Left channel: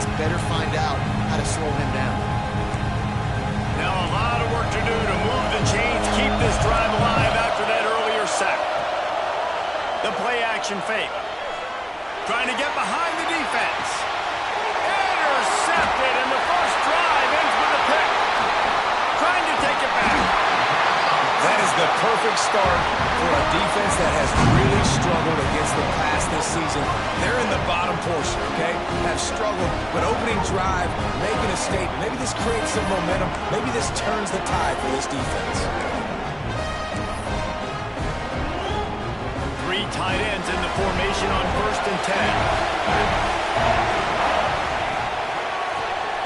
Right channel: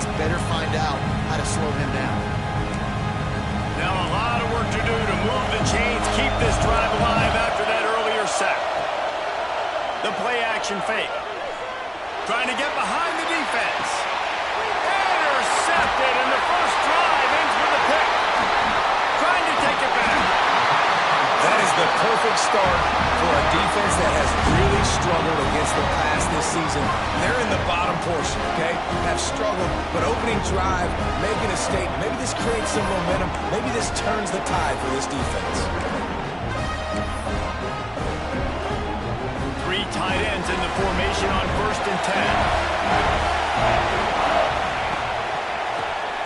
quarterbacks better find out how to slow him down. Now a lot of work to do to move the chains, keep this drive alive after that earlier sack. The play action fake. Trying to get behind the defense. Intercepted, and the first drive ends with a pick. Trying to take it back. That is the perfect start for a defense that has really struggled against the pass this season. They're in the bottom portion, okay? Have struggled, but opening drive, making a statement. Maybe this creates some momentum. Maybe this turns the tide for this defense. 3 tight ends in the formation on 1st and 10.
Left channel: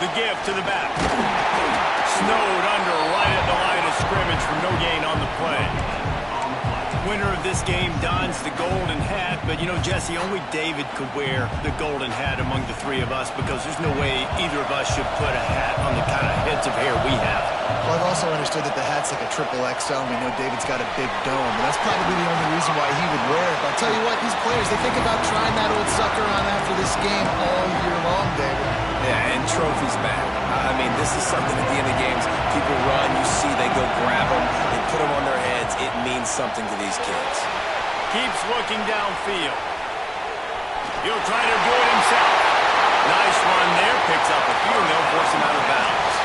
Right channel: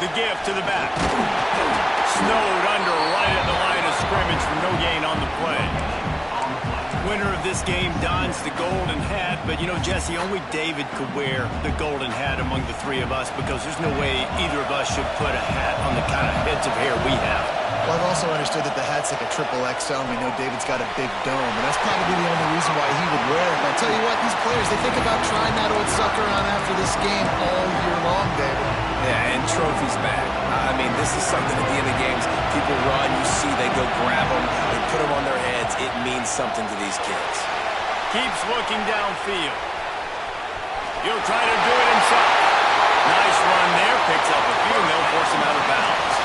The give to the back. Snowed under right at the line of scrimmage for no gain on the play. Winner of this game dons the golden hat, but you know, Jesse, only David could wear the golden hat among the 3 of us because there's no way either of us should put a hat on the kind of heads of hair we have. Well, I've also understood that the hat's like a triple XL, and we know David's got a big dome, and that's probably the only reason why he would wear it. But I'll tell you what, these players, they think about trying that old sucker on after this game all year long, David. Yeah, and trophies back. I mean, this is something at the end of games. People run, you see they go grab them, they put them on their heads. It means something to these kids. Keeps looking downfield. He'll try to do it himself. Nice run there, picks up a few, and they'll force him out of bounds.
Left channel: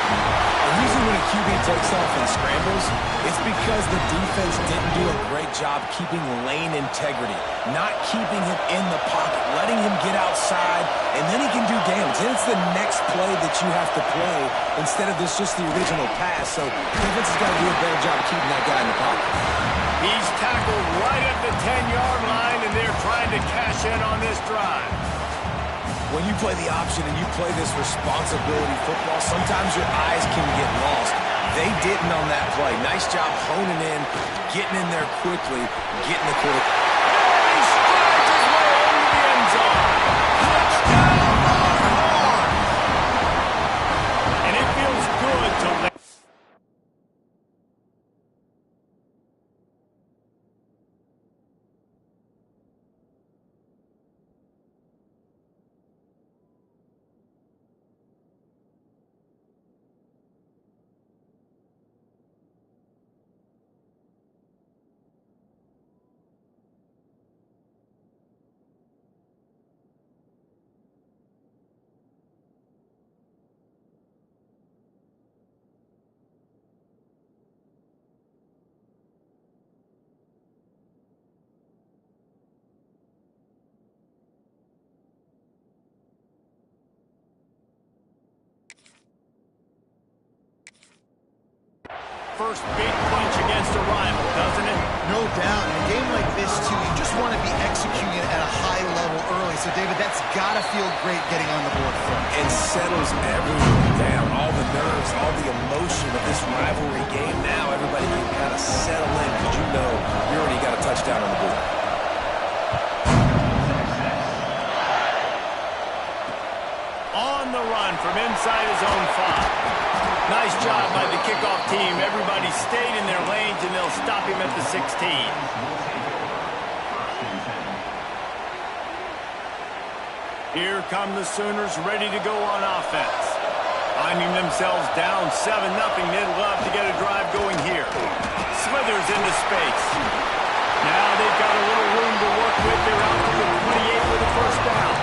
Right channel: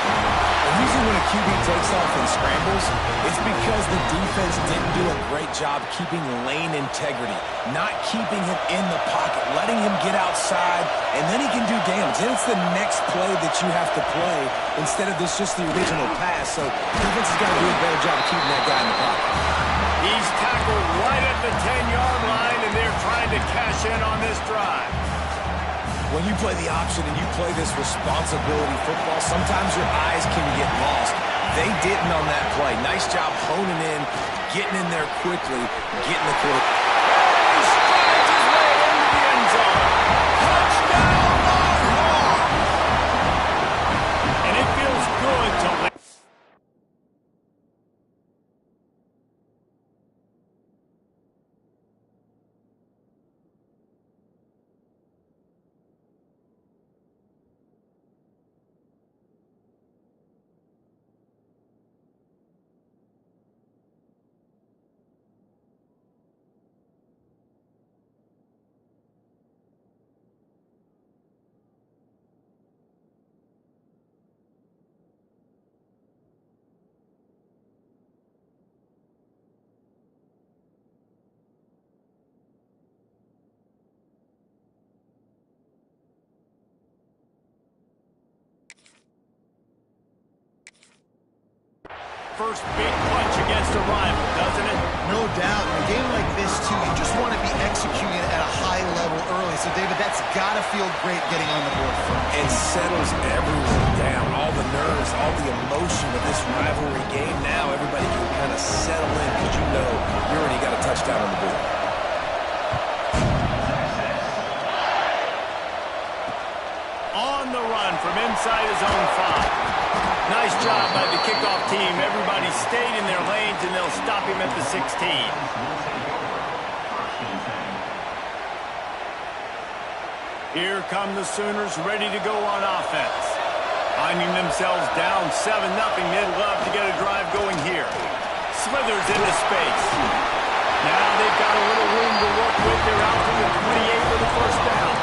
And usually when a QB takes off and scrambles, it's because the defense didn't do a great job keeping lane integrity, not keeping him in the pocket, letting him get outside, and then he can do damage. Then it's the next play that you have to play instead of just the original pass. So defense has got to do a better job of keeping that guy in the pocket. He's tackled right at the 10-yard line, and they're trying to cash in on this drive. When you play the option and you play this responsibility football, sometimes your eyes can get lost. They didn't on that play. Nice job honing in, getting in there quickly, getting the quarterback. He strides his way into the end zone. Touchdown, Longhorn! And it feels good to land. First big punch against a rival, doesn't it? No doubt. In a game like this, too, you just want to be executing at a high level early. So, David, that's got to feel great getting on the board first. And settles everyone down. All the nerves, all the emotion of this rivalry game. Now everybody can kind of settle in because you know you already got a touchdown on the board. On the run from inside his own 5. Nice job by the kickoff team. Everybody stayed in their lanes, and they'll stop him at the 16. Here come the Sooners ready to go on offense. Finding themselves down 7-0, they'd love to get a drive going here. Slithers into space. Now they've got a little room to work with. They're out to the 28 with a first down.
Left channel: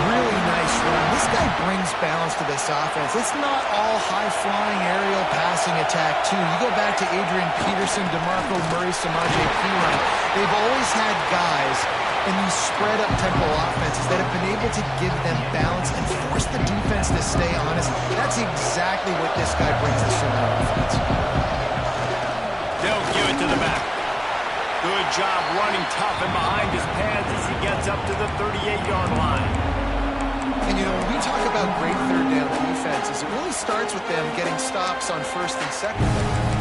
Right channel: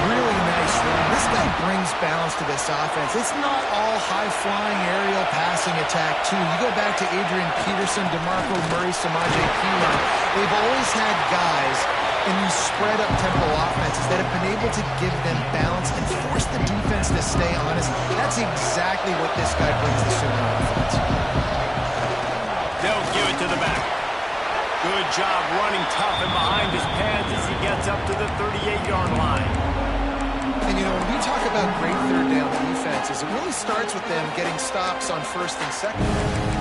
Really nice run. This guy brings balance to this offense. It's not all high-flying aerial passing attack, too. You go back to Adrian Peterson, DeMarco Murray, Samaje Perine. They've always had guys in these spread-up tempo offenses that have been able to give them balance and force the defense to stay honest. That's exactly what this guy brings the Sooner offense. They'll give it to the back. Good job running tough and behind his pads as he gets up to the 38-yard line. And, you know, when we talk about great third down defenses, it really starts with them getting stops on 1st and 2nd.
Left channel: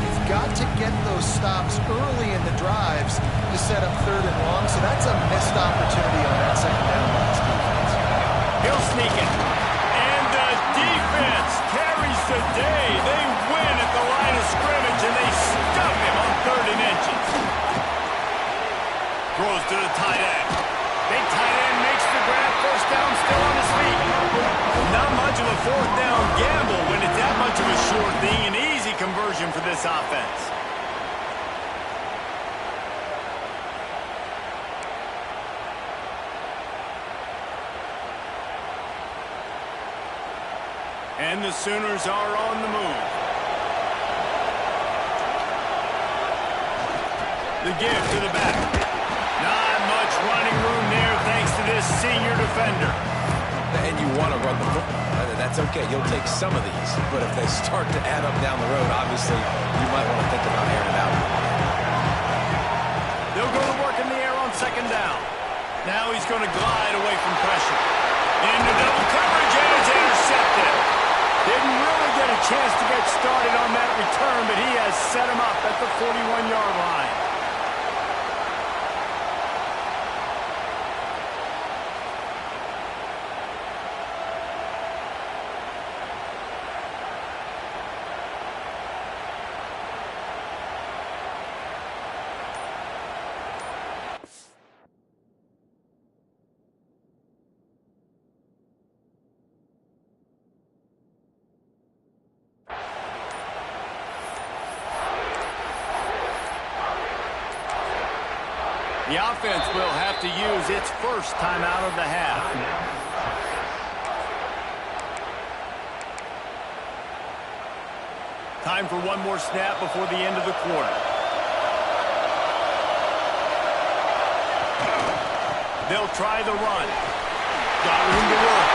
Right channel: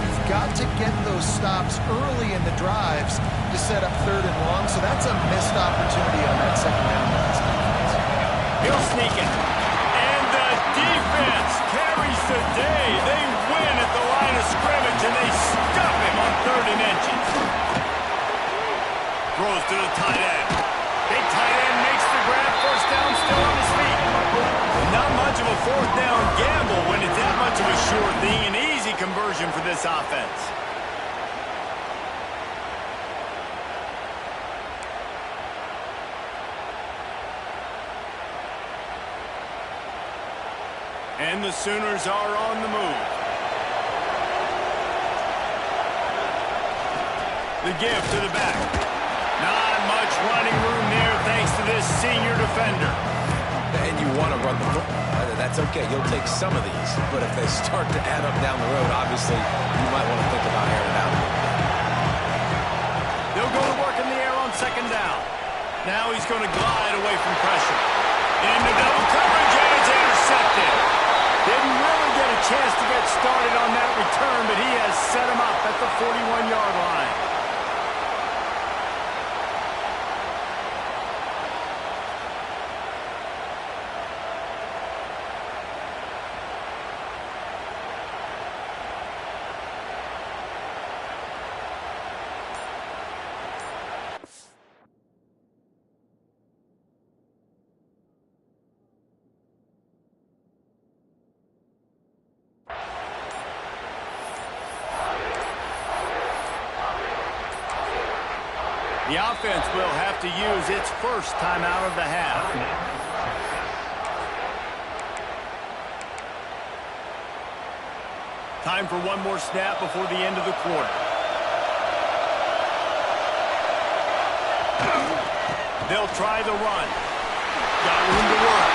You've got to get those stops early in the drives to set up 3rd and long, so that's a missed opportunity on that 2nd down by this defense. He'll sneak it. And the defense carries the day. They win at the line of scrimmage, and they stuff him on 3rd and inches. Throws to the tight end. Big tight end makes the grab. First down, still on his feet. much of a fourth down gamble when it's that much of a sure thing. An easy conversion for this offense. And the Sooners are on the move. The give to the back. Not much running room there thanks to this senior defender. And you want to run the football. That's okay. You'll take some of these. But if they start to add up down the road, obviously, you might want to think about airing it out. They'll go to work in the air on second down. Now he's going to glide away from pressure. Into double coverage, and it's intercepted. Didn't really get a chance to get started on that return, but he has set him up at the 41-yard line. The offense will have to use its first timeout of the half. Time for one more snap before the end of the quarter. They'll try the run. Got room to work.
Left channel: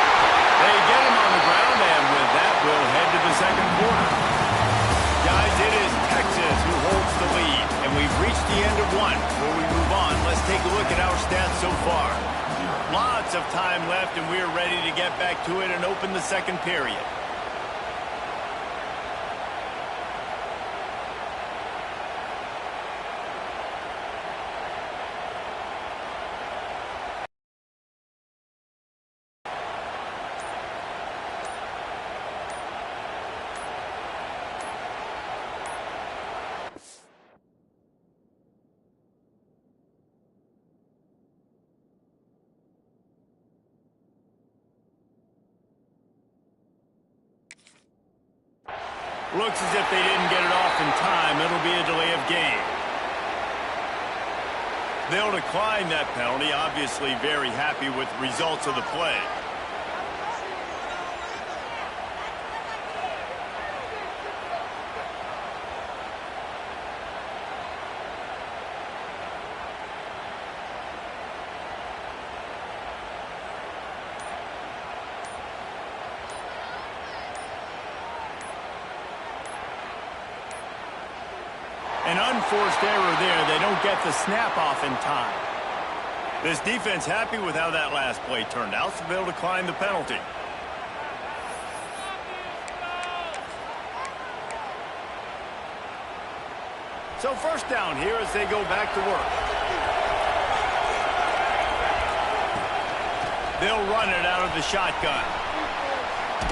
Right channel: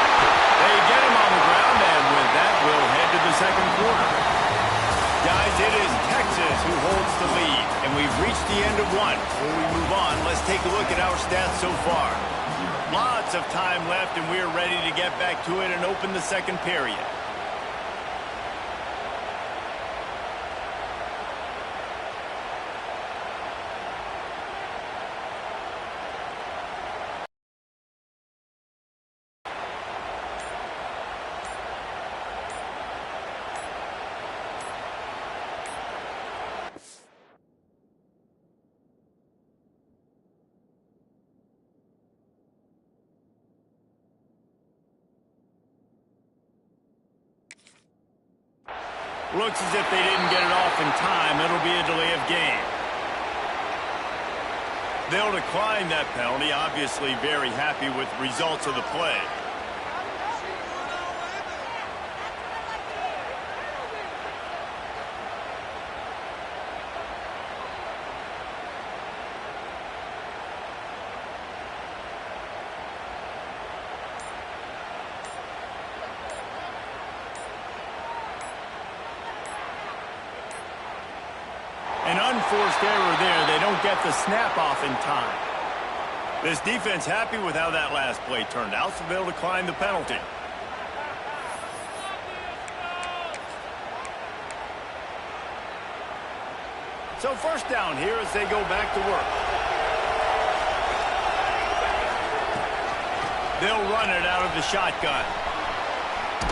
They get him on the ground, and with that, we'll head to the second quarter. Guys, it is Texas who holds the lead, and we've reached the end of one. Before we move on, let's take a look at our stats so far. Lots of time left, and we're ready to get back to it and open the second period. Looks as if they didn't get it off in time. It'll be a delay of game. They'll decline that penalty, obviously very happy with the results of the play. An unforced error there. They don't get the snap off in time. This defense happy with how that last play turned out, so they'll decline the penalty. So first down here as they go back to work. They'll run it out of the shotgun.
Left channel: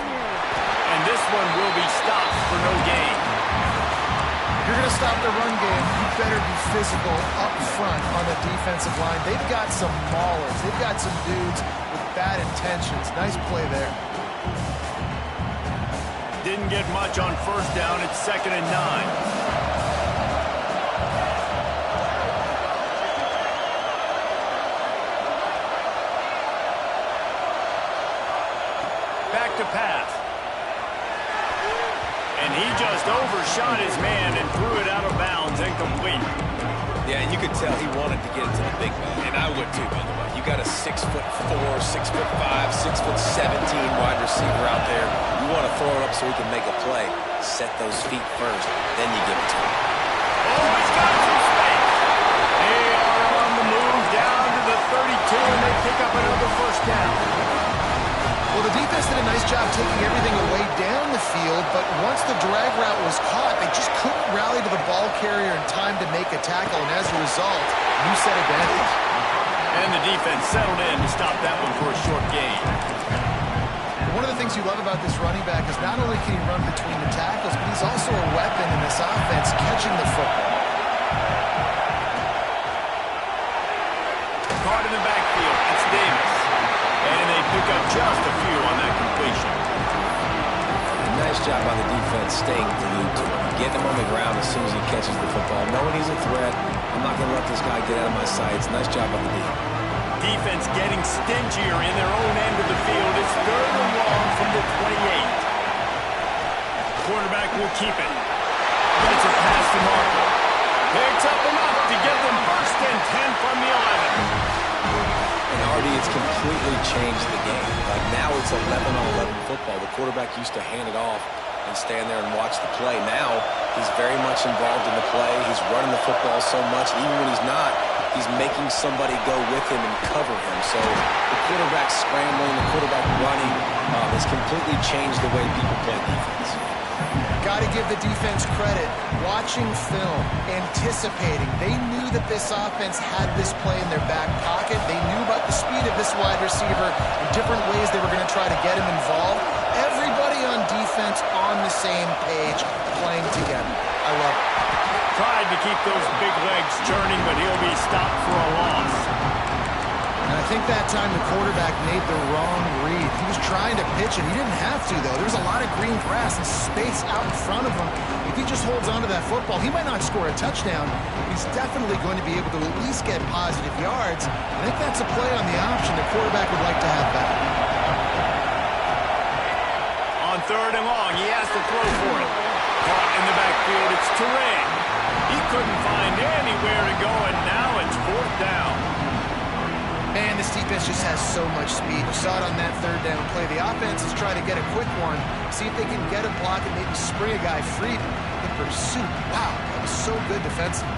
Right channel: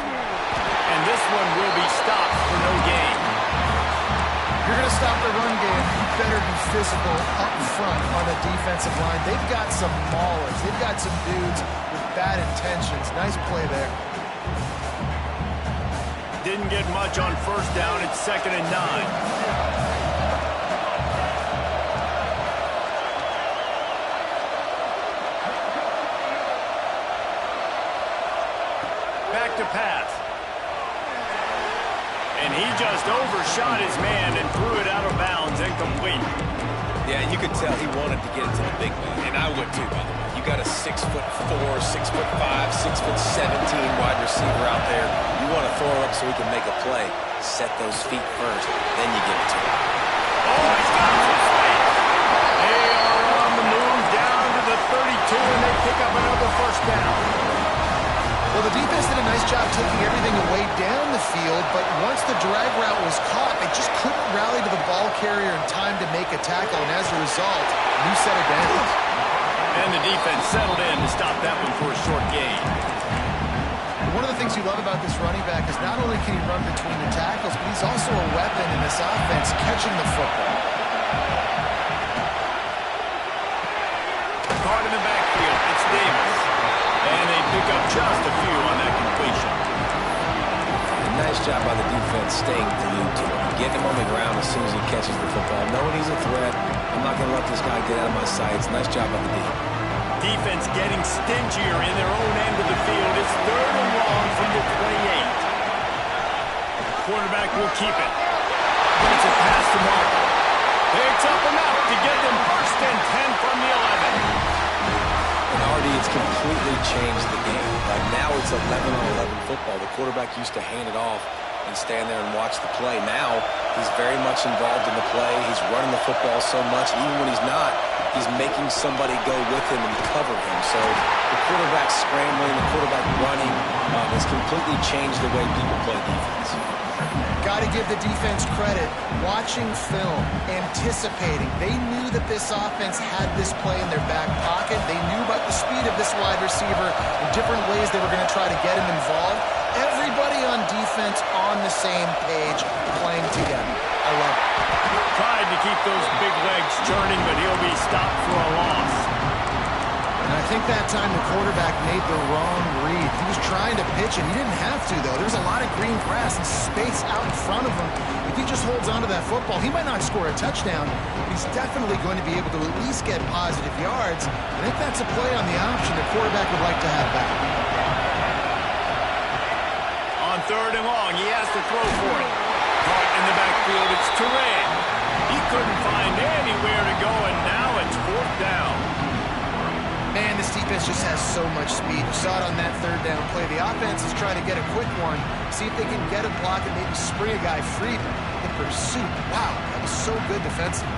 And this one will be stopped for no gain. If you're going to stop the run game, you better be physical up front on the defensive line. They've got some maulers. They've got some dudes with bad intentions. Nice play there. Didn't get much on first down. It's 2nd and 9. Back to pass. And he just overshot his man and threw it out of bounds, incomplete. Yeah, and you could tell he wanted to get it to the big man, and I would too, by the way. You got a 6'4", 6'5", 6'17" wide receiver out there. You want to throw it up so he can make a play. Set those feet first, then you give it to him. Oh, he's got some space. They are on the move down to the 32, and they pick up another first down. Well, the defense did a nice job taking everything away down the field, but once the drag route was caught, they just couldn't rally to the ball carrier in time to make a tackle, and as a result, new set of downs. And the defense settled in to stop that one for a short gain. One of the things you love about this running back is not only can he run between the tackles, but he's also a weapon in this offense catching the football. Caught in the backfield, it's Davis. And they pick up just a few on that completion. Nice job by the defense staying glued to him, getting him on the ground as soon as he catches the football, knowing he's a threat. I'm not going to let this guy get out of my sights. Nice job by the defense. Defense getting stingier in their own end of the field. It's 3rd and long from the 28. Quarterback will keep it. Gets it past the marker. Picks up enough to get them 1st and 10 from the 11. And already it's completely changed the game. Like now it's 11-on-11 football. The quarterback used to hand it off and stand there and watch the play. Now he's very much involved in the play. He's running the football so much. Even when he's not, he's making somebody go with him and cover him. So the quarterback scrambling, the quarterback running has completely changed the way people play defense. Got to give the defense credit. Watching film, anticipating. They knew that this offense had this play in their back pocket. They knew about the speed of this wide receiver and different ways they were going to try to get him involved. Everybody on defense on the same page, playing together. I love it. Tried to keep those big legs churning, but he'll be stopped for a loss. And I think that time the quarterback made the wrong read. He was trying to pitch it. He didn't have to, though. There's a lot of green grass and space out in front of him. If he just holds onto that football, he might not score a touchdown. He's definitely going to be able to at least get positive yards. I think that's a play on the option the quarterback would like to have back. On 3rd and long, he has to throw for it. Caught in the backfield, it's Turay. He couldn't find anywhere to go, and now it's 4th down. Man, this defense just has so much speed. You saw it on that 3rd down play. The offense is trying to get a quick one, see if they can get a block and maybe spring a guy free in pursuit. Wow, that was so good defensively.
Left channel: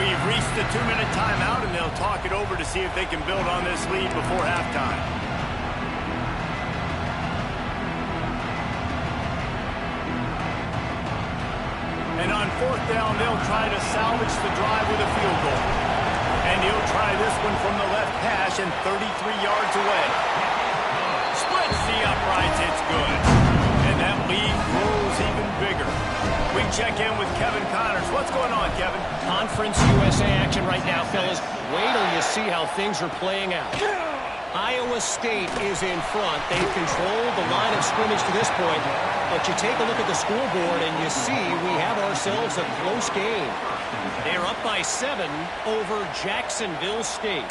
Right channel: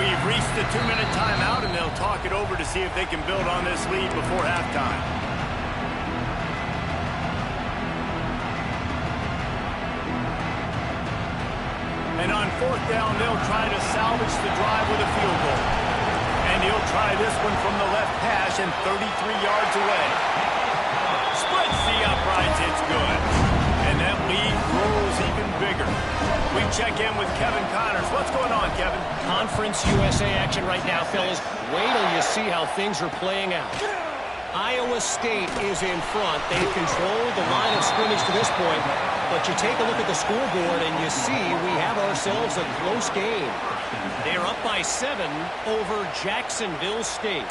We've reached the 2-minute timeout, and they'll talk it over to see if they can build on this lead before halftime. And on 4th down, they'll try to salvage the drive with a field goal. And he'll try this one from the left hash and 33 yards away. Splits the uprights, it's good. And that lead grows even bigger. We check in with Kevin Connors. What's going on, Kevin? Conference USA action right now, fellas. Wait till you see how things are playing out. Iowa State is in front. They've controlled the line of scrimmage to this point. But you take a look at the scoreboard and you see we have ourselves a close game. They're up by 7 over Jacksonville State.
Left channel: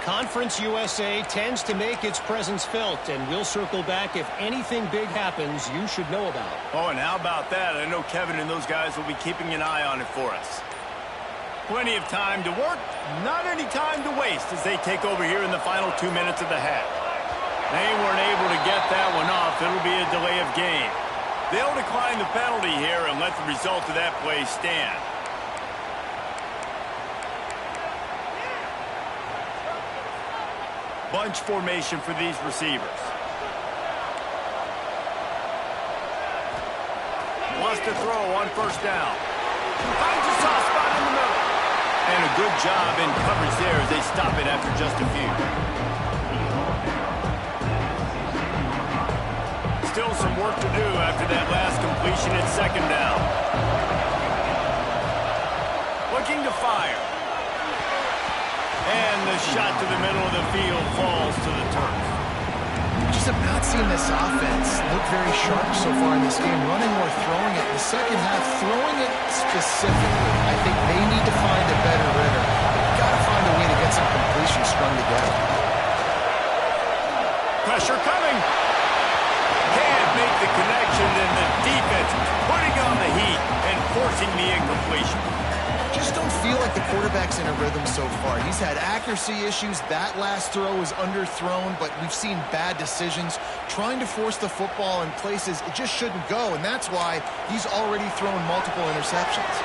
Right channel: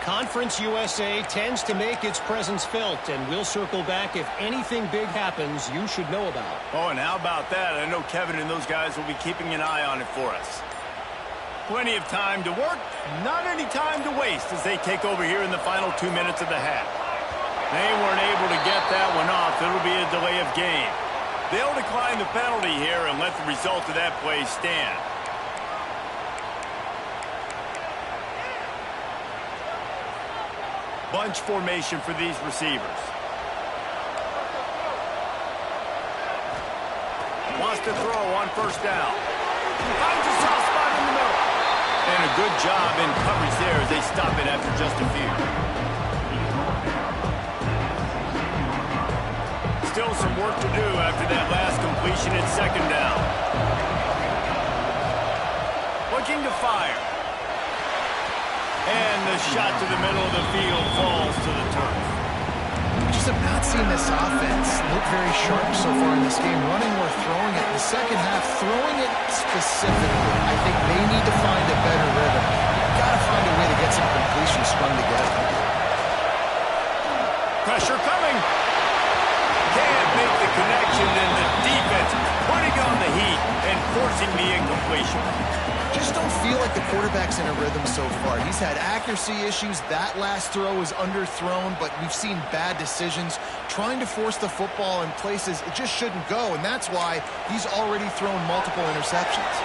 Conference USA tends to make its presence felt, and we'll circle back if anything big happens you should know about. Oh, and how about that? I know Kevin and those guys will be keeping an eye on it for us. Plenty of time to work, not any time to waste as they take over here in the final 2 minutes of the half. They weren't able to get that one off. It'll be a delay of game. They'll decline the penalty here and let the result of that play stand. Bunch formation for these receivers. Wants to throw on 1st down. Finds a soft spot in the middle. And a good job in coverage there as they stop it after just a few. Still some work to do after that last completion at 2nd down. Looking to fire. And the shot to the middle of the field falls to the turf. We just have not seen this offense look very sharp so far in this game, running or throwing it. In the second half, throwing it specifically, I think they need to find a better rhythm. They've got to find a way to get some completions strung together. Pressure coming. Can't make the connection, and the defense putting on the heat and forcing the incompletion. Just don't feel like the quarterback's in a rhythm so far. He's had accuracy issues. That last throw was underthrown, but we've seen bad decisions. Trying to force the football in places it just shouldn't go, and that's why he's already thrown multiple interceptions.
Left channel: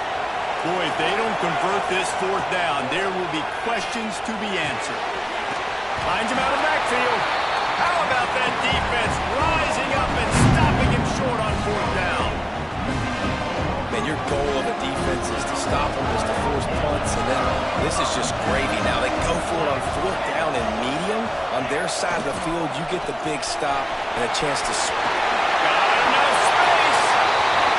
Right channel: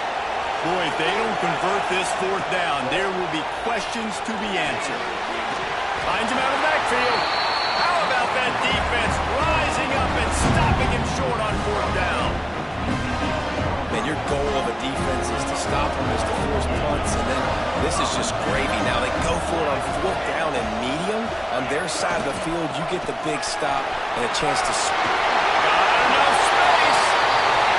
Boy, if they don't convert this 4th down, there will be questions to be answered. Finds him out of the backfield. How about that defense rising up and stopping him short on 4th down? Man, your goal of a defense is to stop them, is to force punts, and then this is just gravy. Now they go for it on 4th down and medium. On their side of the field, you get the big stop and a chance to... Got enough space,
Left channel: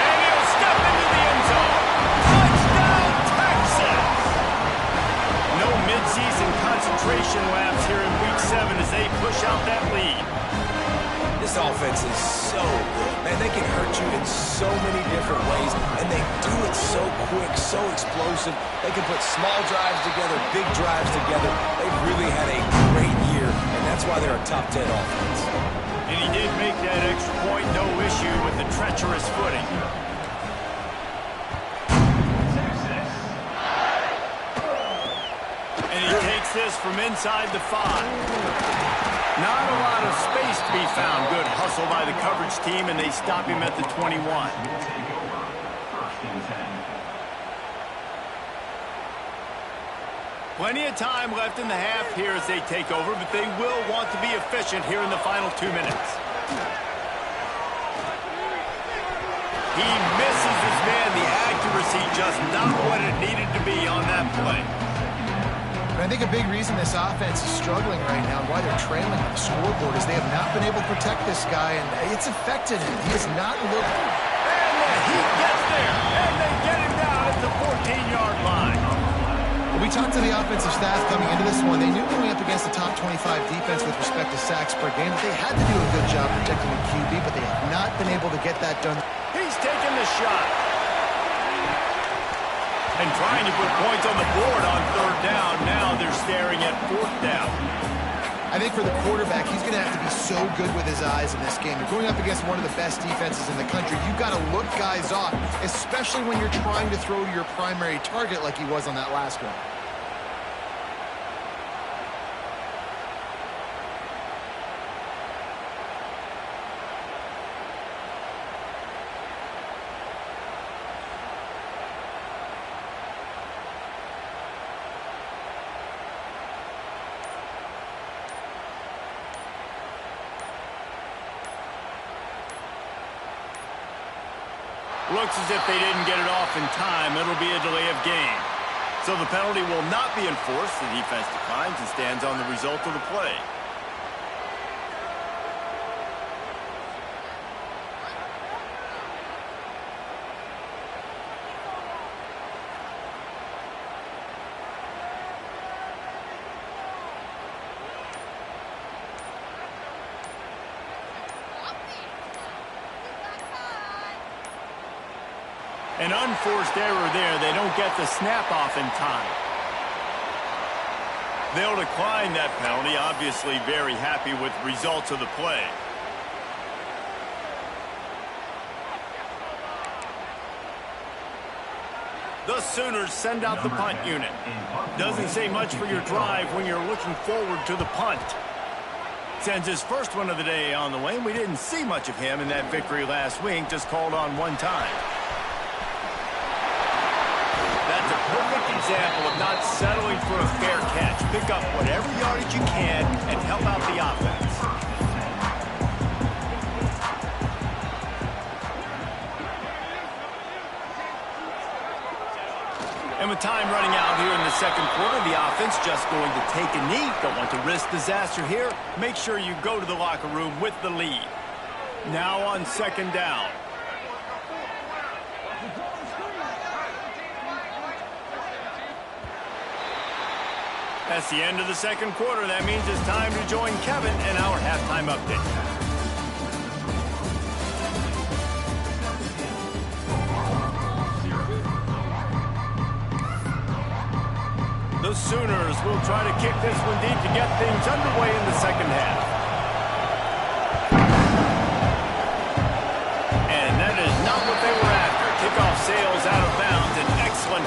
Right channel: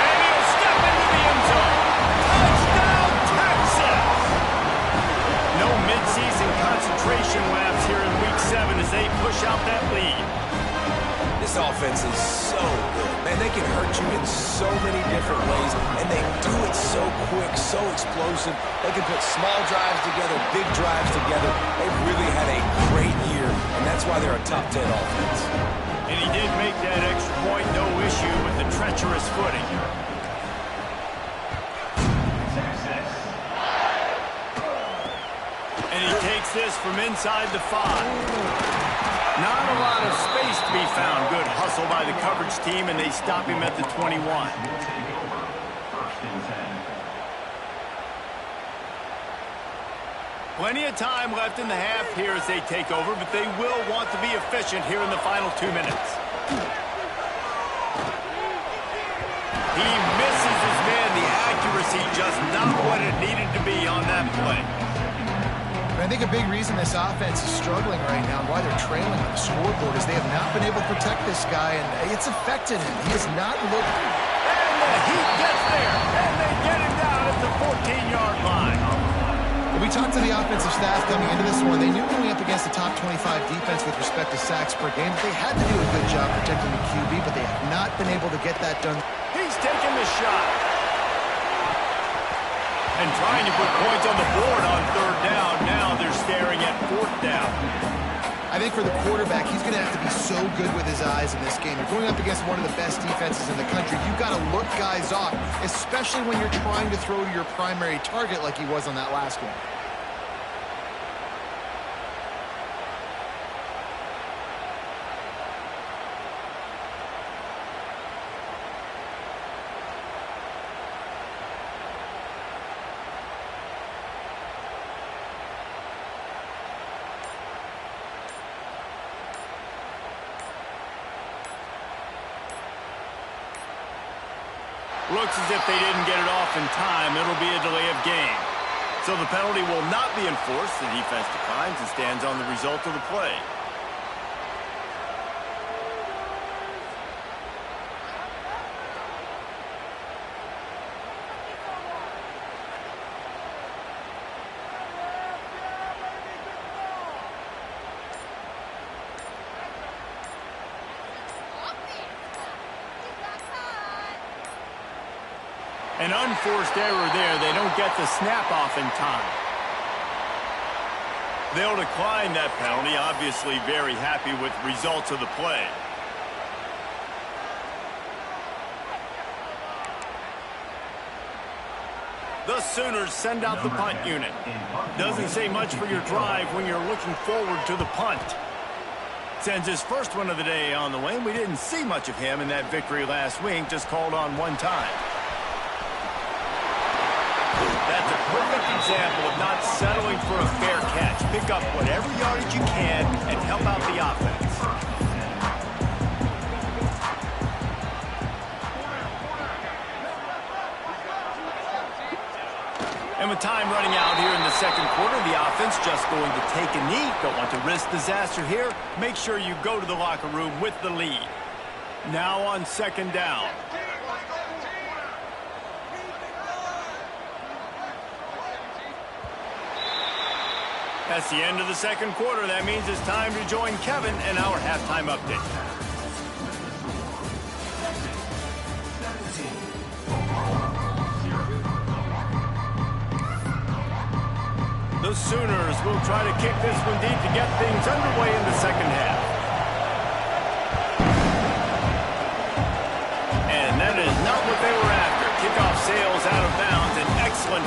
and he'll step into the end zone. Touchdown, Texas! No mid-season concentration laps here in Week 7 as they push out that lead. This offense is so good. Man, they can hurt you in so many different ways, and they do it so quick, so explosive. They can put small drives together, big drives together. They've really had a great year, and that's why they're a top 10 offense. And he did make that extra point, no issue with the treacherous footing. And he takes this from inside the 5. Not a lot of space to be found. Good hustle by the coverage team, and they stop him at the 21. Plenty of time left in the half here as they take over, but they will want to be efficient here in the final 2 minutes. He misses his man. The accuracy just not what it needed to be on that play. I think a big reason this offense is struggling right now and why they're trailing on the scoreboard is they have not been able to protect this guy, and it's affected him. He has not looked... And the Heat gets there, and they get him down at the 14-yard line. We talked to the offensive staff coming into this one. They knew going up against the top 25 defense with respect to sacks per game, that they had to do a good job protecting the QB, but they have not been able to get that done. He's taking the shot. And trying to put points on the board on 3rd down. Now they're staring at 4th down. I think for the quarterback, he's going to have to be so good with his eyes in this game. You're going up against one of the best defenses in the country. You've got to look guys off, especially when you're trying to throw to your primary target like he was on that last one. Looks as if they didn't get it off in time. It'll be a delay of game. So the penalty will not be enforced. The defense declines and stands on the result of the play. An unforced error there. They don't get the snap off in time. They'll decline that penalty. Obviously very happy with the results of the play. The Sooners send out the punt unit. Doesn't say much for your drive when you're looking forward to the punt. Sends his first one of the day on the way. We didn't see much of him in that victory last week. Just called on one time. That's a perfect example of not settling for a fair catch. Pick up whatever yardage you can and help out the offense. And with time running out here in the second quarter, the offense just going to take a knee. Don't want to risk disaster here. Make sure you go to the locker room with the lead. Now on 2nd down. That's the end of the second quarter. That means it's time to join Kevin in our halftime update. The Sooners will try to kick this one deep to get things underway in the second half. And that is not what they were after. Kickoff sails out of bounds. An excellent